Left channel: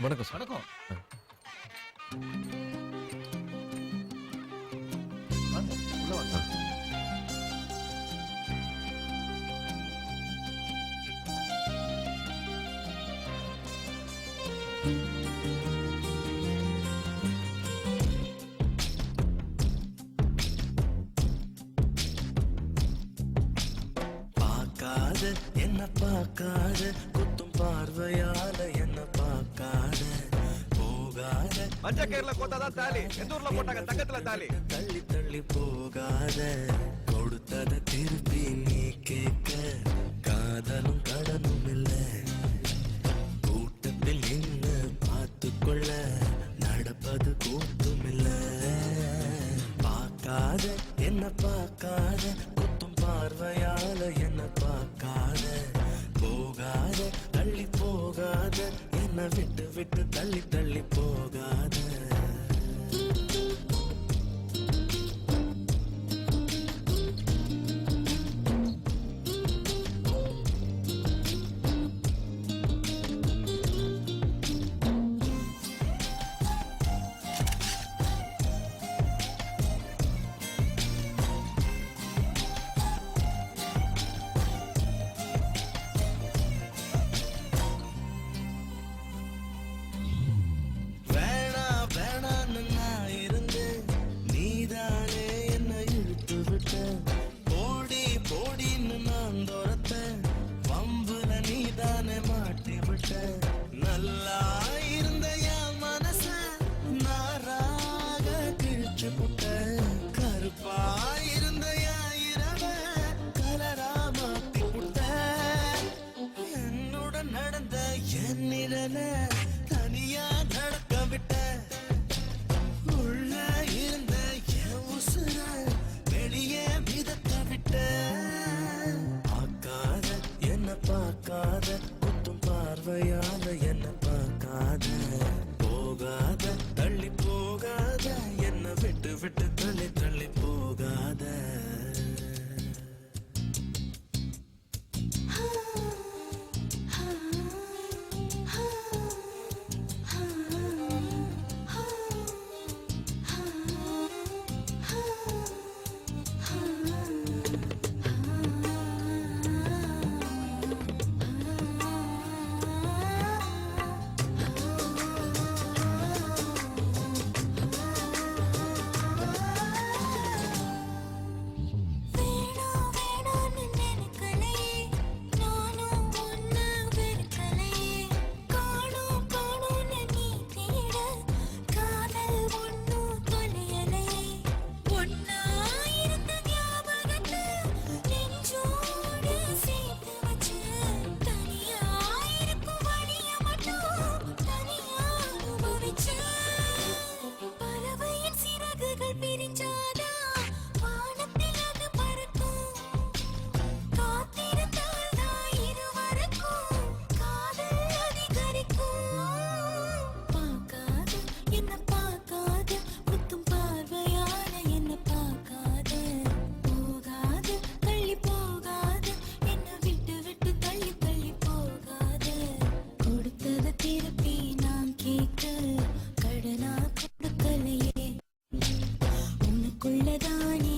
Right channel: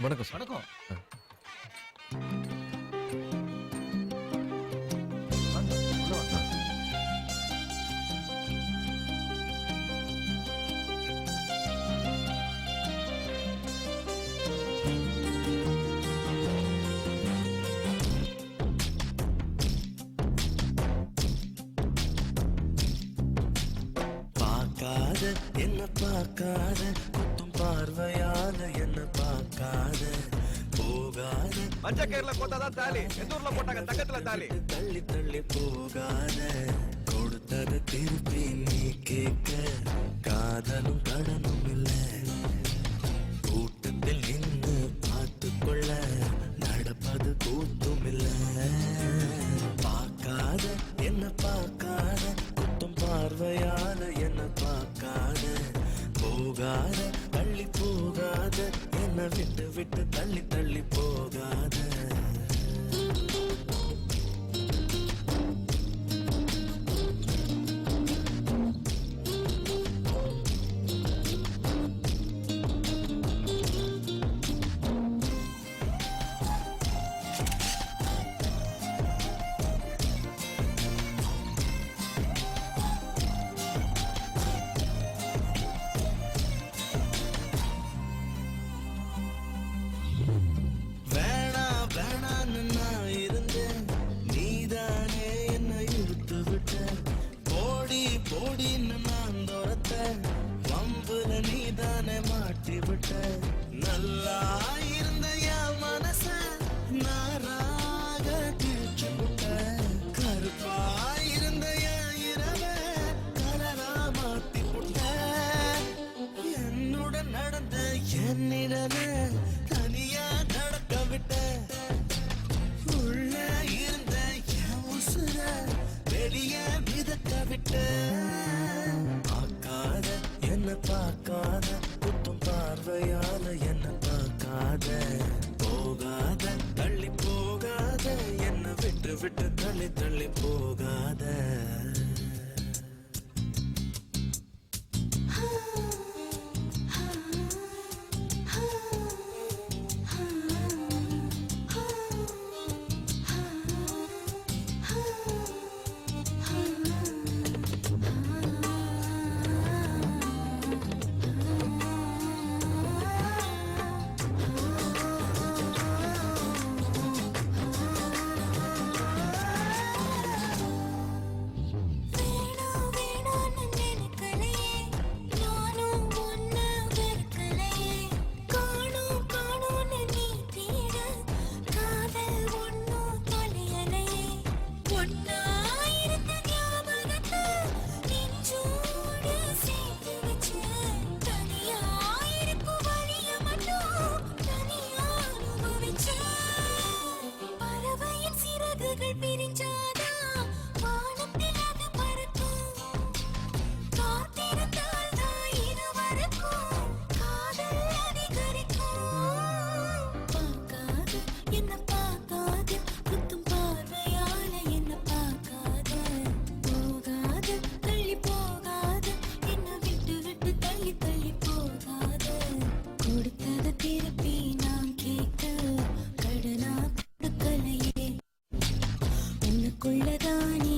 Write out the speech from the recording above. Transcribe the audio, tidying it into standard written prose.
வணக்கம் சார். வணக்கம். வாங்க, உள்ள வாங்க. பார்க்காத என்ன பார்க்காத குத்தும் பார்வையால என்ன பார்க்காத போகாத மஞ்ச கயிறுல போட்டாதான் தாலி, எந்த ஊர்ல போட்டாங்க தங்கத்துல தாலி. தள்ளி தள்ளி போகாத கொடுத்தத திருப்பி நீ கேட்க காதலும் கடனும் இல்ல கூட்டத்தில் நின்று பார்த்து கொள்ள நடப்பது கூத்தும் இல்ல பார்க்காத என்ன பார்க்காத குத்தும் பார்வையால என்ன பார்க்காத போகாத தள்ளி போகாத என்ன விட்டு விட்டு தள்ளி தள்ளி போகாத நான் இருந்தேன் நீதானே என்ன இழுத்து விட்ட போடி போடின்னு நான் துரத்த வம்புல நீதானே மாட்டி விட்ட நல்லா இருந்த என் மனச நாராக கிழிச்சு புட்ட கருப்பா இருந்த என் இரவ கலரா மாத்தி புட்ட என்னுடன் நடந்த என்னிடன தனியா நடக்க விட்ட உள்ள இருந்த என் உசுர வெளியே மிதக்க விட்ட பார்க்காத என்ன பார்க்காத குத்தும் பார்வையால என்ன பார்க்காத போகாத தள்ளி போகாத என்ன விட்டு விட்டு தள்ளி தள்ளி போகாத திருப்பி நான் கேட்க கடனா கொடுக்கலையே உனக்குள்ளதானே